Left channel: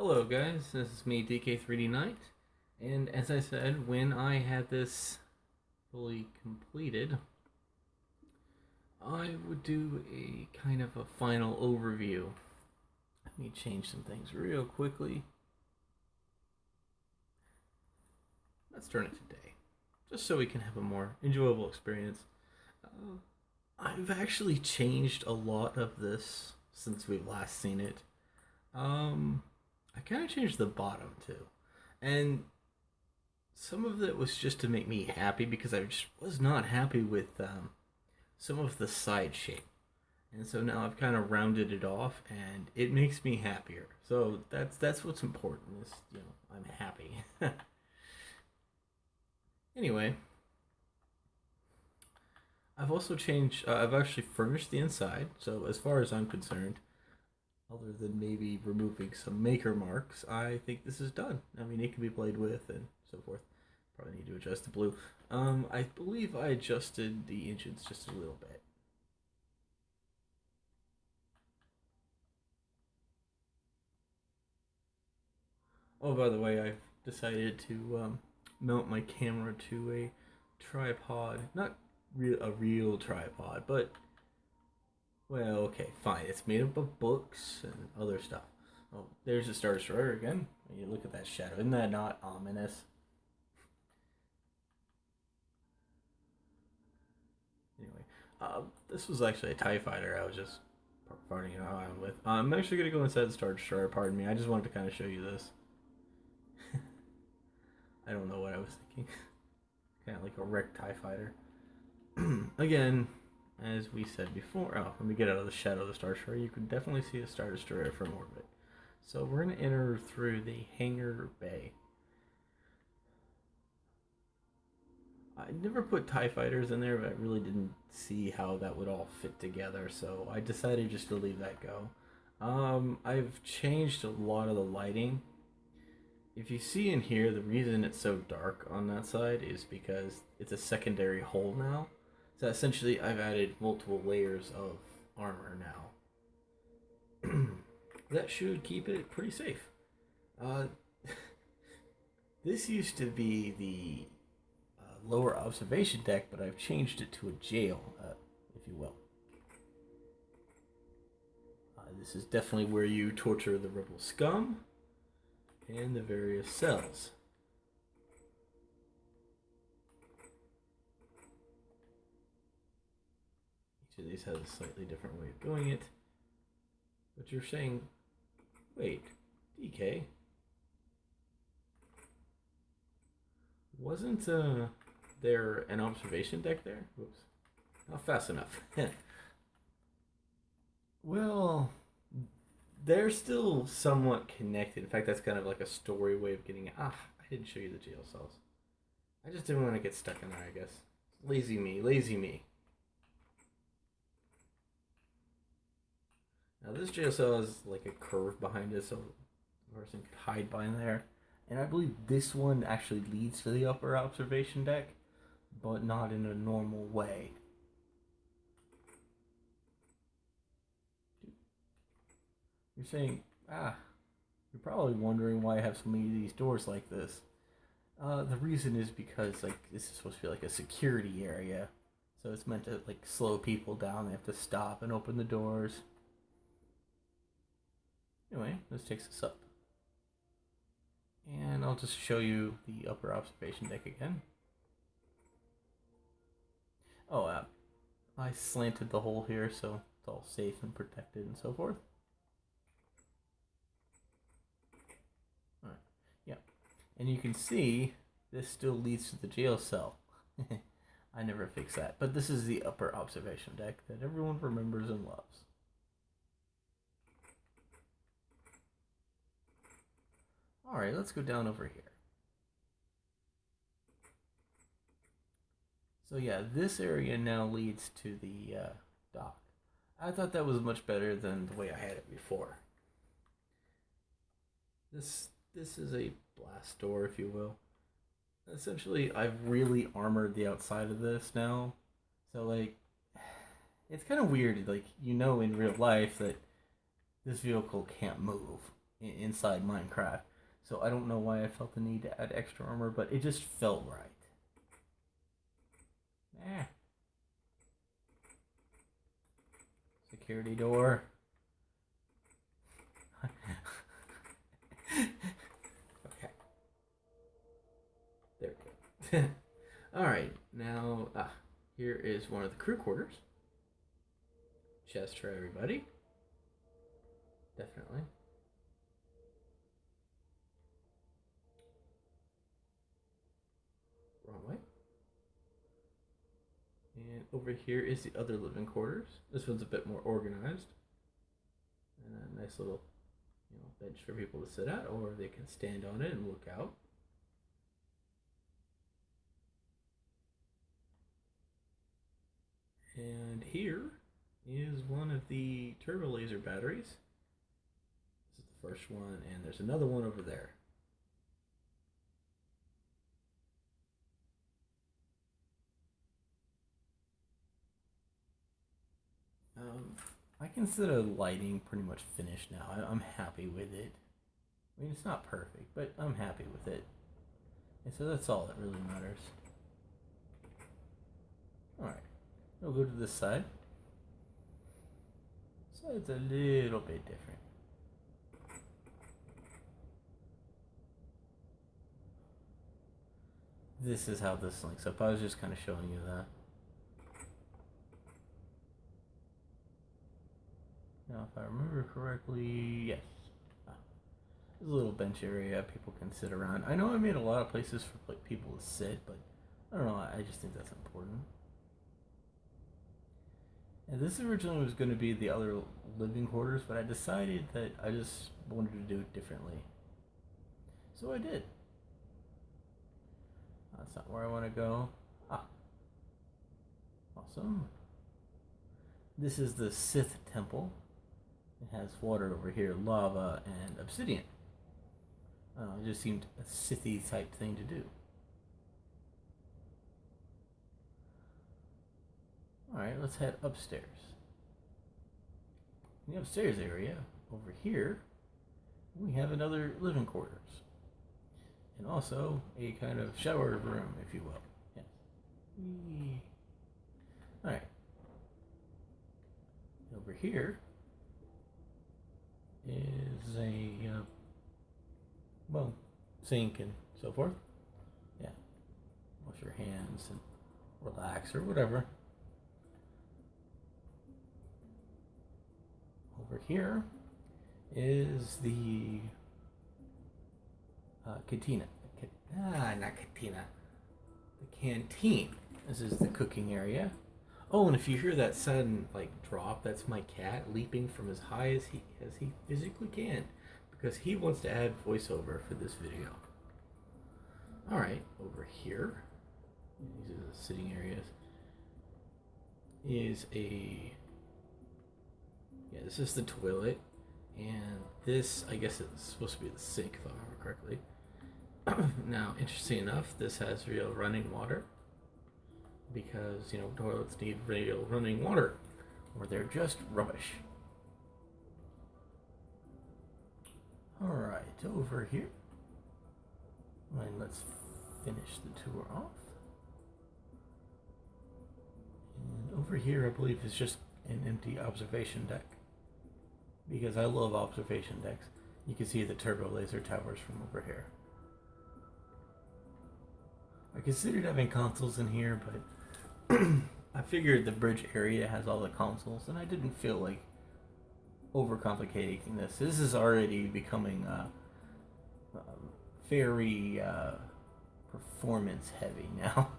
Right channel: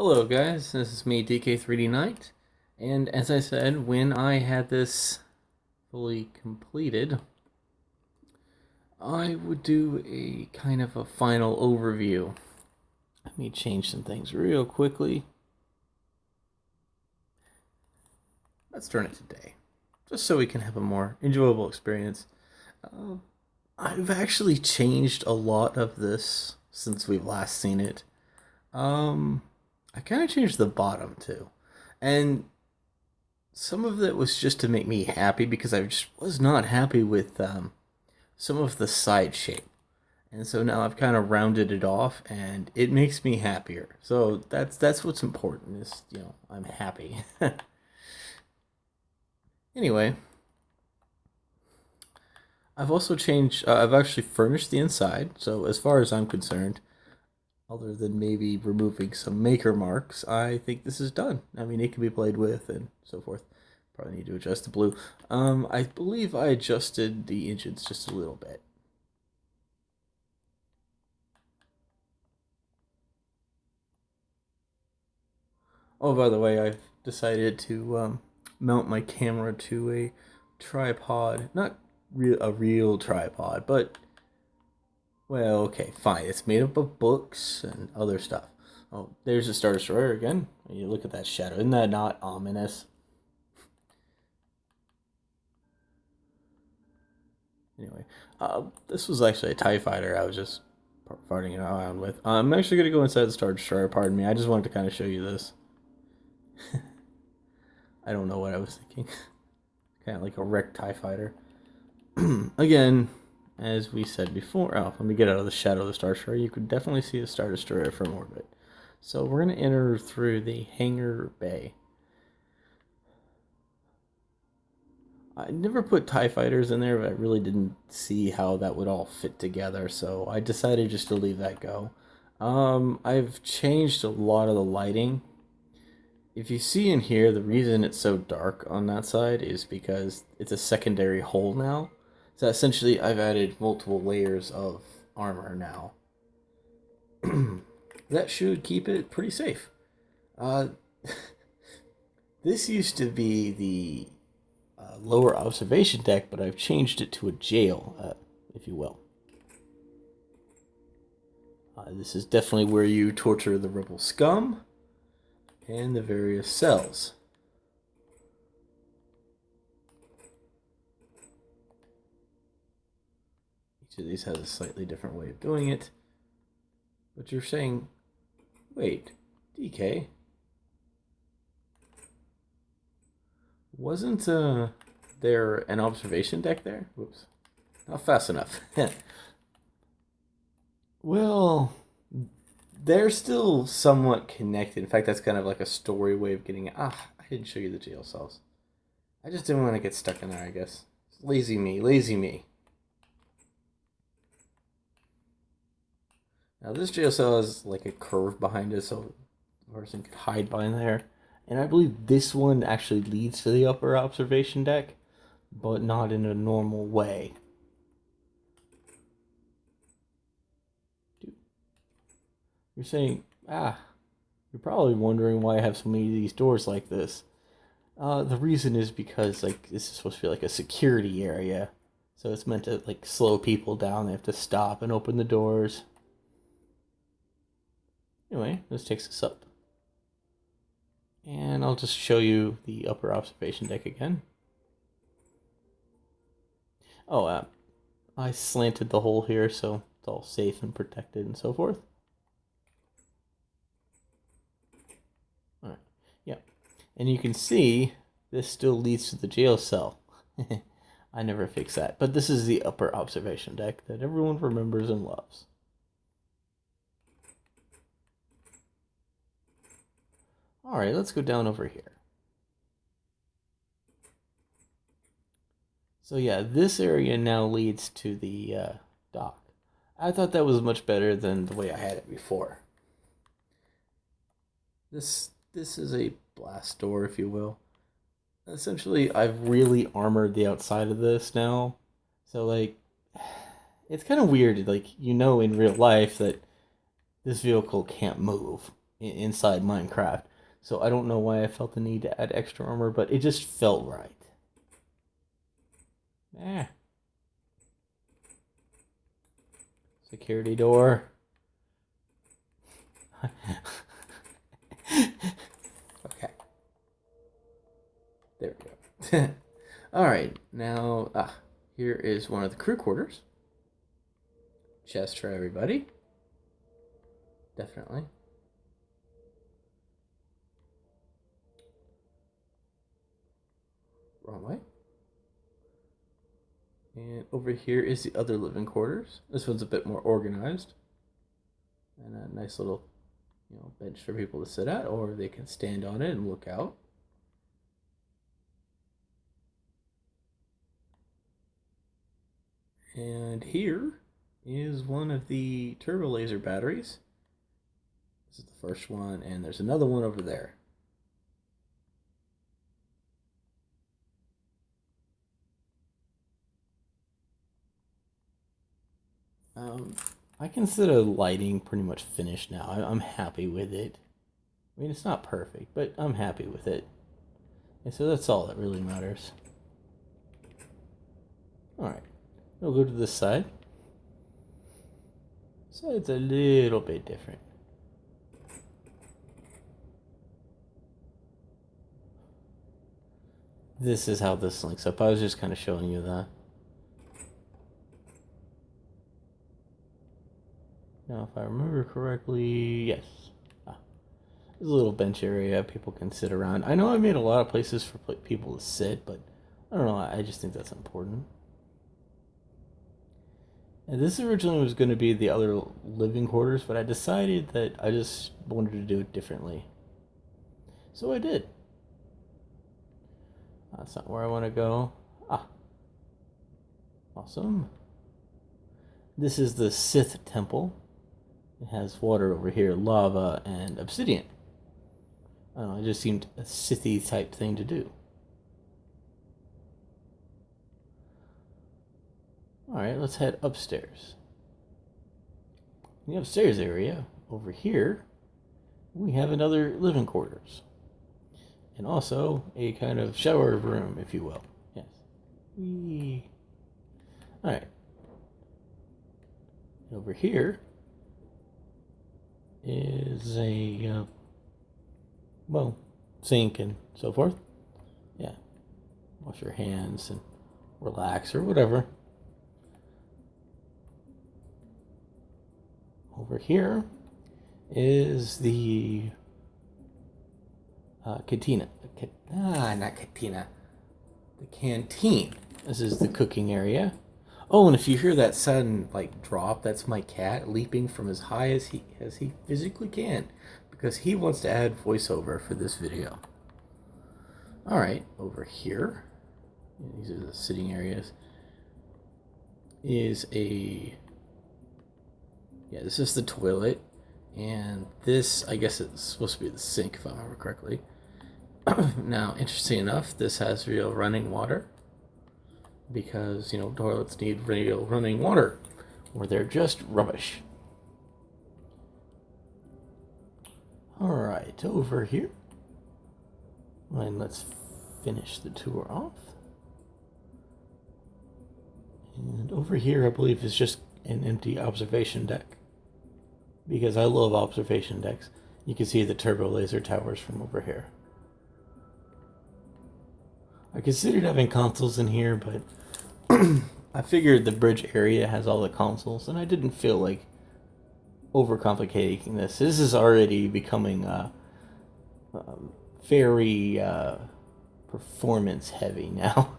Hello, guys. This is me, DK3D Knight. And as I said, when I had this fully completed, I would do a kind of a final overview. Let me change some things real quickly. Let's turn it to day, just so we can have a more enjoyable experience. Uh, I've actually changed a lot of this since we've last seen it. Um, I kind of changed the bottom too. And some of it was just to make me happy because I just was not happy with some of the side shape. And so now I've kind of rounded it off and it makes me happier. So that's what's important is, I'm happy. Anyway, I've also changed I've actually furnished the inside. So as far as I'm concerned, other than maybe removing some maker marks, I think this is done. I mean, it can be played with and so forth. Probably need to adjust the blue. I believe I adjusted the engines just a little bit. Oh, by the way, I've decided to mount my camera to a tripod. Not a real tripod, but, well, okay, fine. It's made up of books and other stuff. Oh, there's a Star Destroyer again. You look at that shadow. Isn't that not ominous? Anyway, this was actually a TIE fighter I was just farting around with. I'm actually going to go inside the Star Destroyer, pardon me. I just wanted to kind of show you this. I don't know what I was thinking. Kind of like a wrecked TIE fighter. Again, as we said before, let me get out of the shadow of the Star Destroyer. You could definitely see the Star Destroyer from orbit. So we're going to enter through the hangar bay. I never put TIE fighters in there, but I really didn't see how that would all fit together, so I decided just to leave that go. I've changed a lot of the lighting. If you see in here, the reason it's so dark on that side is because it's a secondary hull now. So essentially, I've added multiple layers of armor now. That should keep it pretty safe. Uh, this used to be the lower observation deck, but I've changed it to a jail, if you will. This is definitely where you torture the rebel scum and the various cells. Each of these has a slightly different way of doing it. But you're saying, wait, DK, wasn't there an observation deck there? Whoops, not fast enough. Well, they're still somewhat connected. In fact, that's kind of like a story way of getting it. I didn't show you the jail cells. I just didn't want to get stuck in there, I guess. Lazy me, lazy me. Now this jail cell has like a curve behind it so the person could hide behind there. And I believe this one actually leads to the upper observation deck, but not in a normal way. You're saying, you're probably wondering why I have so many of these doors like this. The reason is because like this is supposed to be like a security area, so it's meant to like slow people down. They have to stop and open the doors. Anyway, this takes us up, and I'll just show you the upper observation deck again. Oh, I slanted the hole here so it's all safe and protected and so forth. All right, yeah, and you can see this still leads to the jail cell. I never fix that. But this is the upper observation deck that everyone remembers and loves. Alright, let's go down over here. So yeah, this area now leads to the dock. I thought that was much better than the way I had it before. This is a blast door, if you will. Essentially, I've really armored the outside of this now. So like it's kind of weird, like in real life that this vehicle can't move. inside Minecraft. So I don't know why I felt the need to add extra armor, but it just felt right. Eh. Security door. Okay. There we go. Alright, now, here is one of the crew quarters. Chest for everybody. Definitely. Wrong way. And over here is the other living quarters. This one's a bit more organized. And a nice little, bench for people to sit at, or they can stand on it and look out. And here is one of the turbo laser batteries. This is the first one, and there's another one over there. I consider lighting pretty much finished now. I'm happy with it. I mean, it's not perfect, but I'm happy with it. And so that's all that really matters. Alright, we'll go to this side. So it's a little bit different. This is how this links up. I was just kind of showing you that. Now, if I remember correctly, yes. There's a little bench area people can sit around. I know I made a lot of places for people to sit, but I don't know. I just think that's important. And this originally was going to be the other living quarters, but I decided that I just wanted to do it differently. So I did. That's not where I want to go. Awesome. This is the Sith Temple. It has water over here, lava, and obsidian. I don't know, it just seemed a Sithy type thing to do. Alright, let's head upstairs. In the upstairs area, over here, we have another living quarters. And also a kind of shower room, if you will. Yes. Whee. Alright. Over here is a, sink and so forth. Yeah. Wash your hands and relax or whatever. Over here is the cantina. Not cantina. The canteen. This is the cooking area. Oh, and if you hear that sudden drop, that's my cat leaping from as high as he physically can, because he wants to add voiceover for this video. All right, over here, these are the sitting areas. This is the toilet, and this, I guess it's supposed to be the sink if I remember correctly. Now, interesting enough, this has real running water, because toilets need real running water, or they're just rubbish. All right, over here, and let's finish the tour off. And over here, I believe, is just an empty observation deck, because I love observation decks. You can see the turbo laser towers from over here. I considered having consoles in here, but I figured the bridge area has all the consoles, and I didn't feel like overcomplicating this. This is already becoming very performance heavy now.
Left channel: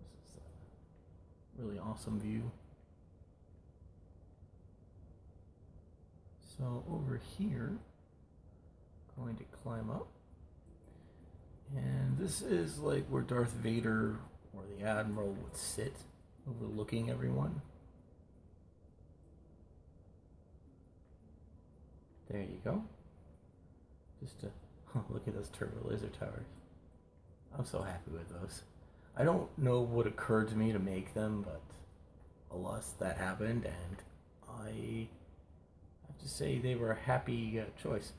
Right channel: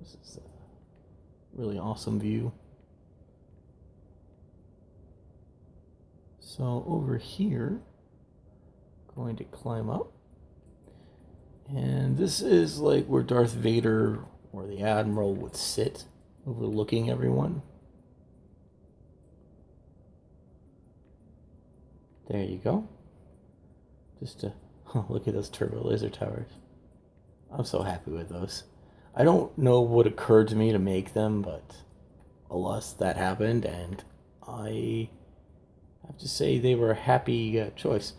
This is a really awesome view. So over here, going to climb up. And this is like where Darth Vader or the Admiral would sit, overlooking everyone. There you go. Just to look at those turbo laser towers. I'm so happy with those. I don't know what occurred to me to make them, but alas, that happened, and I have to say they were a happy choice.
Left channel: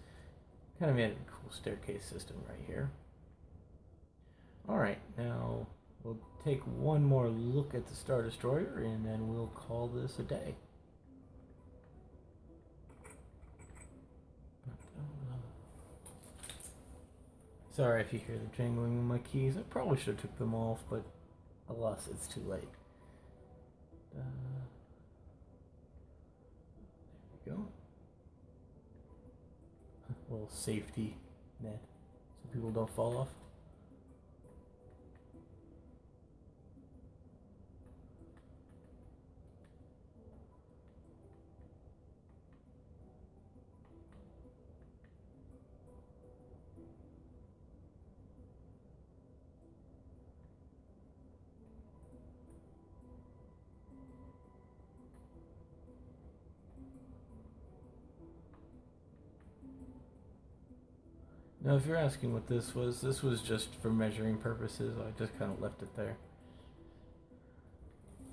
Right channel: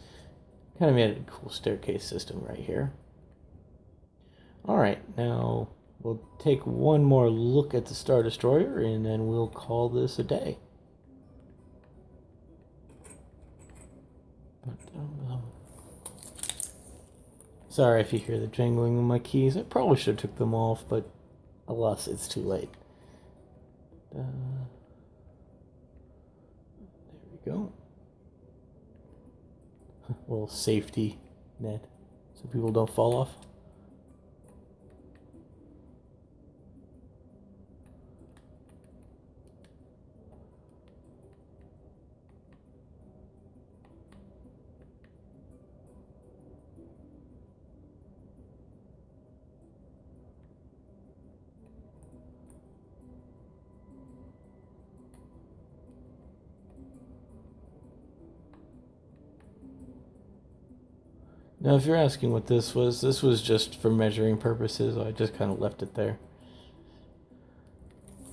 Kind of made a cool staircase system right here. Alright, now we'll take one more look at the Star Destroyer and then we'll call this a day. Sorry if you hear the jangling of my keys. I probably should have took them off, but alas, it's too late. There we go. A little safety net so people don't fall off. Now, if you're asking what this was just for measuring purposes. I just kind of left it there.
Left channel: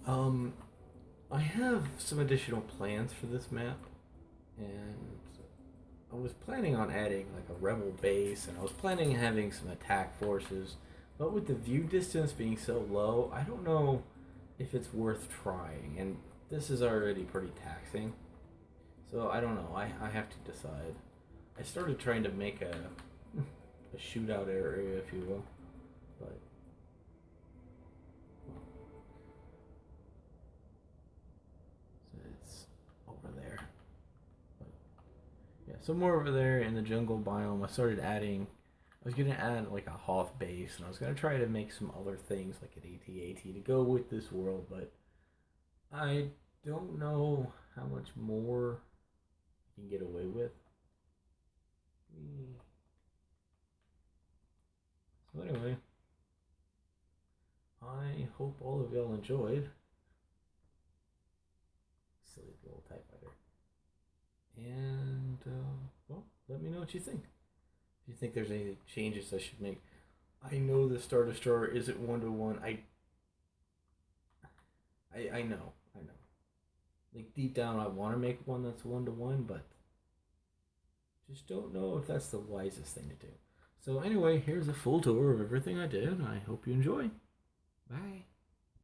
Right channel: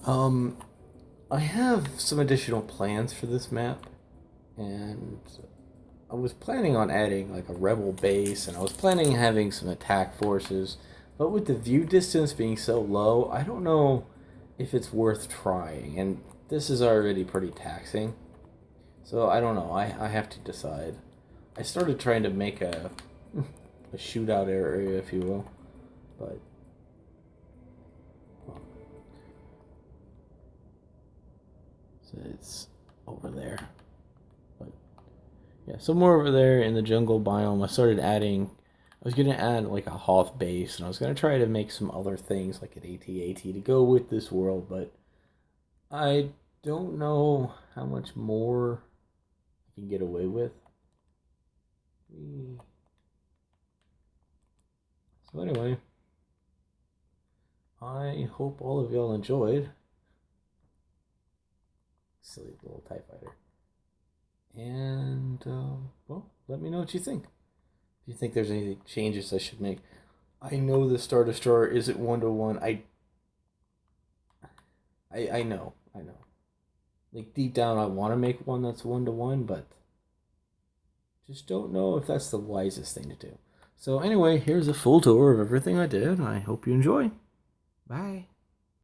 Um, I have some additional plans for this map, and I was planning on adding like a rebel base, and I was planning on having some attack forces, but with the view distance being so low, I don't know if it's worth trying, and this is already pretty taxing. So I don't know. I have to decide. I started trying to make a shootout area, if you will, but well, so it's over there. But yeah, somewhere over there in the jungle biome, I started adding. I was gonna add like a Hoth base, and I was gonna try to make some other things like an AT-AT to go with this world, but I don't know how much more I can get away with. So anyway, I hope all of y'all enjoyed. Silly little TIE fighter. And, well, let me know what you think. If you think there's any changes I should make. I know the Star Destroyer isn't 1-to-1. I know. Like, deep down, I want to make one that's 1-to-1, but just don't know if that's the wisest thing to do. So anyway, here's a full tour of everything I did. I hope you enjoy. Bye.